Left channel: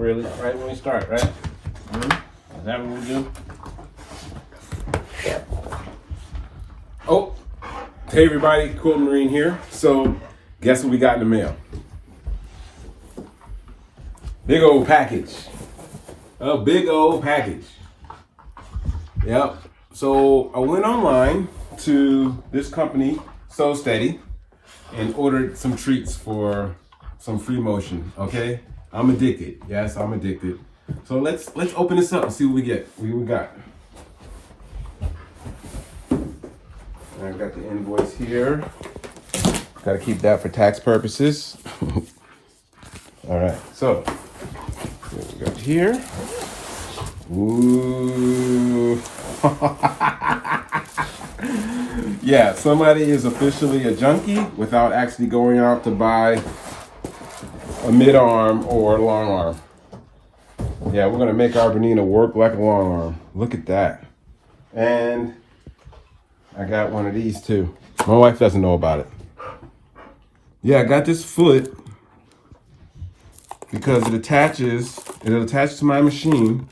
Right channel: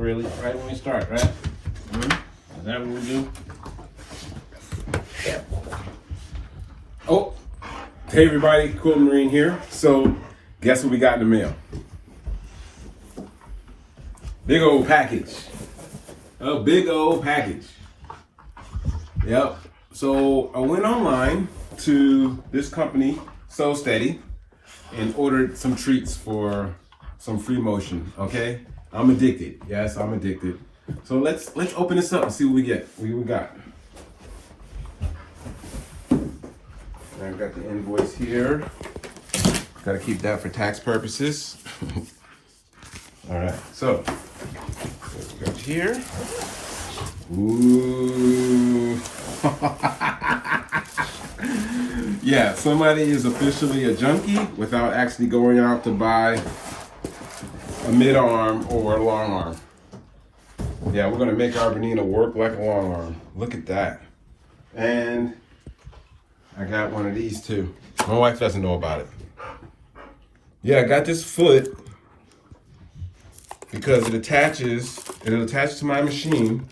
really, right when we start, right? Is that what we do? Oh, hey everybody, Cool Marine here. So, guess what we got in the mail? Big old package. A big old package. Yep. So I went online to this company, So Steady, and ordered some treats for some free motion. Okay, I'm addicted. Yes, I'm addicted. So let's open this up and see what we get. What we got? I've got the invoice here. Got to keep that for tax purposes. All right. So we go here. Ooh. Yeah, somebody is officially a junkie without actually going out to buy a mid-arm or a long arm. Yeah, we're gonna make our Bernina work like a long arm. Look at that. And I got one of these too. My wife doesn't know about it. Yeah, I got this foot because it attaches to my machine.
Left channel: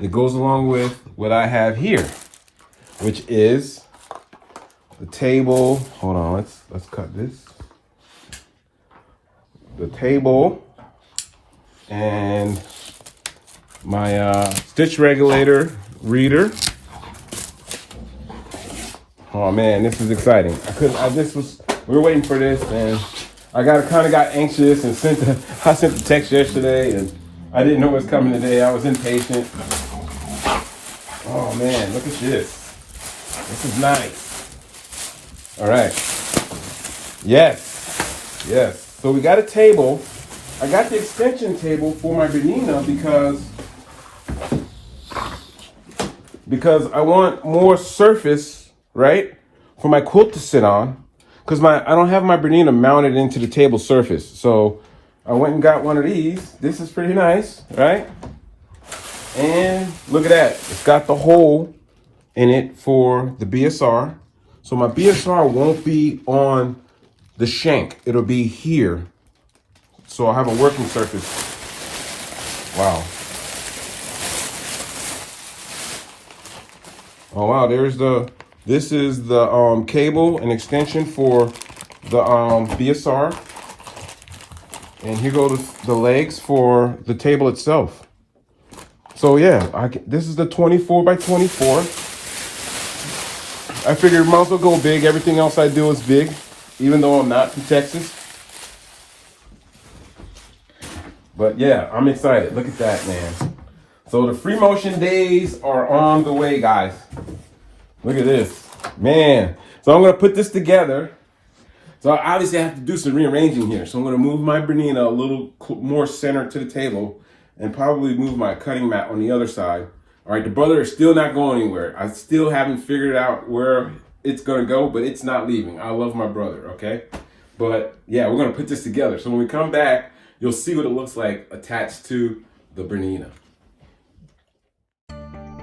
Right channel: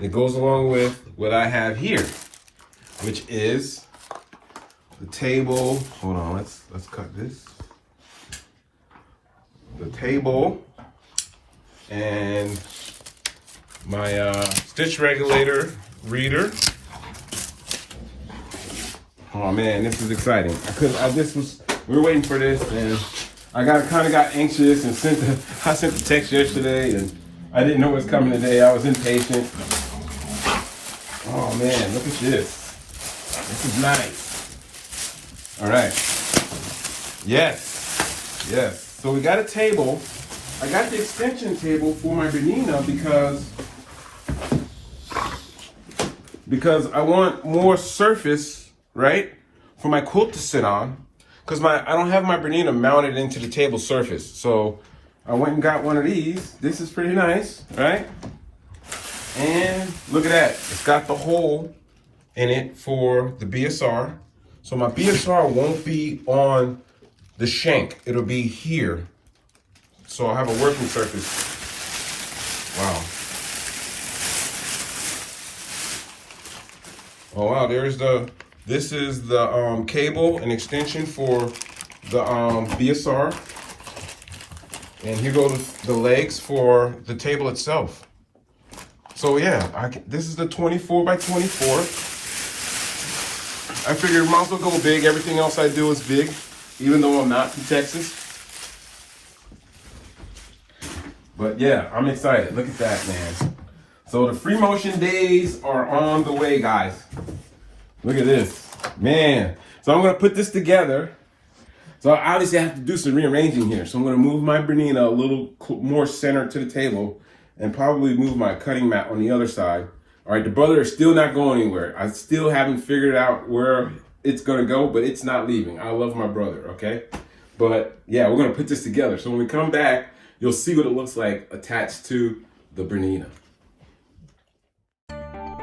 It goes along with what I have here, which is the table. Hold on, let's cut this. The table and my stitch regulator reader. Oh man, this is exciting. We were waiting for this, and I kind of got anxious and I sent the text yesterday, and I didn't know what was coming today. I was impatient. Oh man, look at this. This is nice. All right. Yes. So we got a table. I got the extension table for my Bernina because I want more surface, right, for my quilt to sit on. Because I don't have my Bernina mounted into the table surface. So I went and got one of these. This is pretty nice, right? And look at that. It's got the hole in it for the BSR. So my BSR won't be on the shank. It'll be here. So I'll have a working surface. Wow. Oh wow, this is the cable and extension for the BSR. And here go the legs for the table itself. So yeah, this is the 24 by 24. I figured it might as well go big. Everything else I do is big, even though I'm not from Texas. But yeah, I'm excited. Look at that, man. So the free motion days are on the way, guys. Look at this, man. So I'm gonna put this together. So obviously I have to do some rearranging here. So I'm gonna move my Bernina a little more center to the table and probably move my cutting mat on the other side. All right, the brother is still not going anywhere. I still haven't figured out where it's gonna go, but it's not leaving. I love my brother, okay? But yeah, we're gonna put this together. So when we come back, you'll see what it looks like attached to the Bernina. Thank you.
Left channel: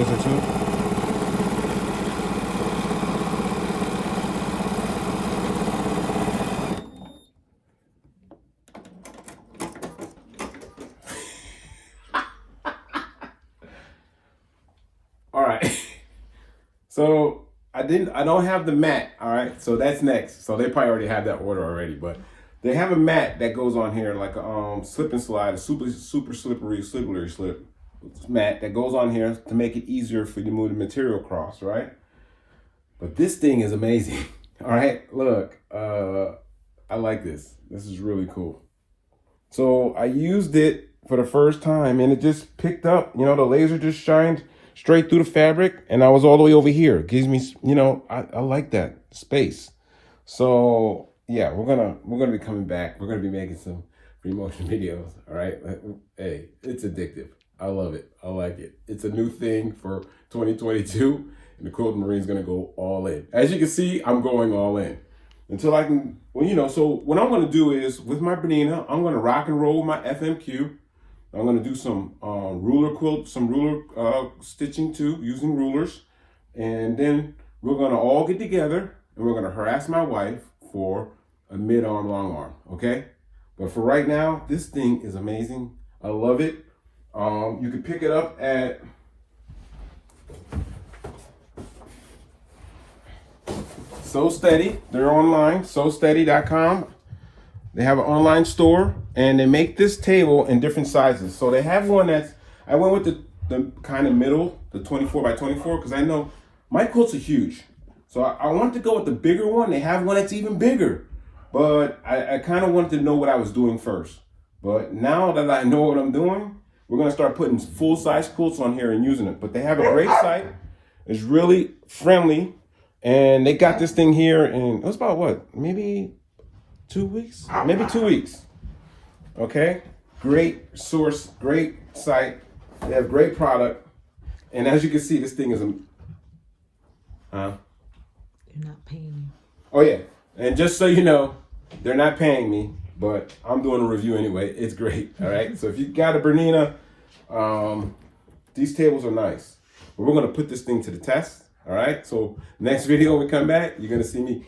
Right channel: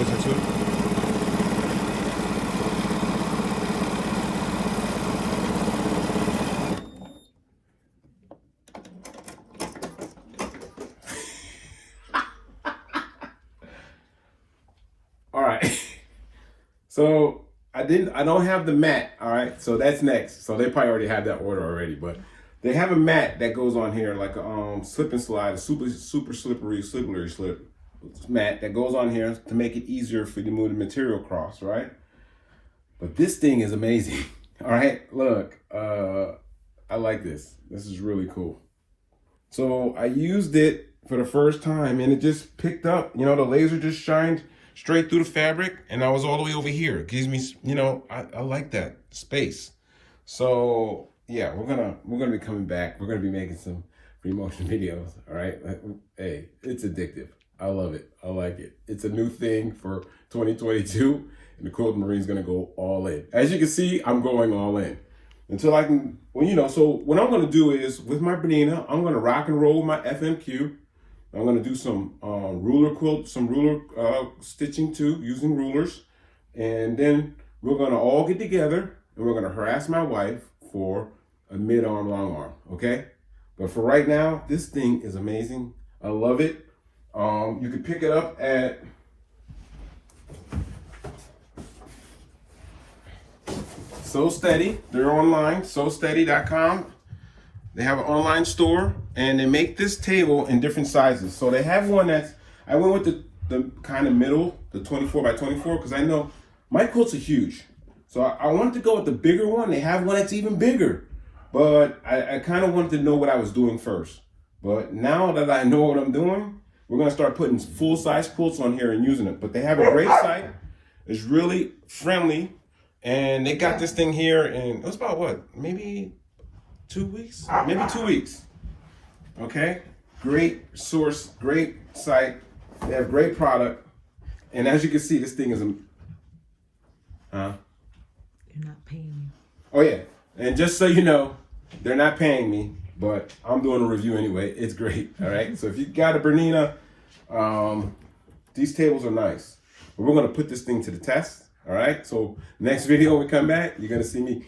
laser too. All right. So I don't have the mat. All right. So that's next. So they probably already have that order already, but they have a mat that goes on here, like a slip and slide, a super slippery slip mat that goes on here to make it easier for you to move the material across, right? But this thing is amazing. All right, look, I like this. This is really cool. So I used it for the first time and it just picked up, you know, the laser just shined straight through the fabric and I was all the way over here. It gives me, you know, I like that space. So yeah, we're gonna be coming back. We're gonna be making some free motion videos. All right. Hey, it's addictive. I love it. I like it. It's a new thing for 2022, and the Quilted Marine's gonna go all in. As you can see, I'm going all in until I can. Well, you know. So what I'm gonna do is with my Bernina, I'm gonna rock and roll my FMQ. I'm gonna do some ruler stitching too, using rulers, and then we're gonna all get together and we're gonna harass my wife for a mid-arm, long arm, okay? But for right now, this thing is amazing. I love it. You can pick it up at So Steady. They're online, SoSteady.com. They have an online store, and they make this table in different sizes. So they have one that's, I went with the kind of middle, the 24 by 24, because I know my quilts are huge. So I wanted to go with the bigger one. They have one that's even bigger. But I kind of wanted to know what I was doing first. But now that I know what I'm doing, we're going to start putting full-size quilts on here and using it. But they have a great site. It's really friendly. And they got this thing here in, it was about what? Maybe 2 weeks? Maybe 2 weeks. Okay? Great source, great site. They have great product. And as you can see, this thing is a... You're not paying me. Oh, yeah. And just so you know, they're not paying me, but I'm doing a review anyway. It's great. All right. So if you got a Bernina, these tables are nice. But we're going to put this thing to the test. All right. So next video we come back, you're going to see me.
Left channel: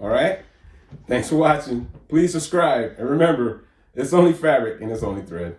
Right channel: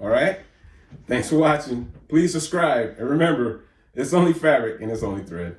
All right. Thanks for watching. Please subscribe. And remember, it's only fabric and it's only thread.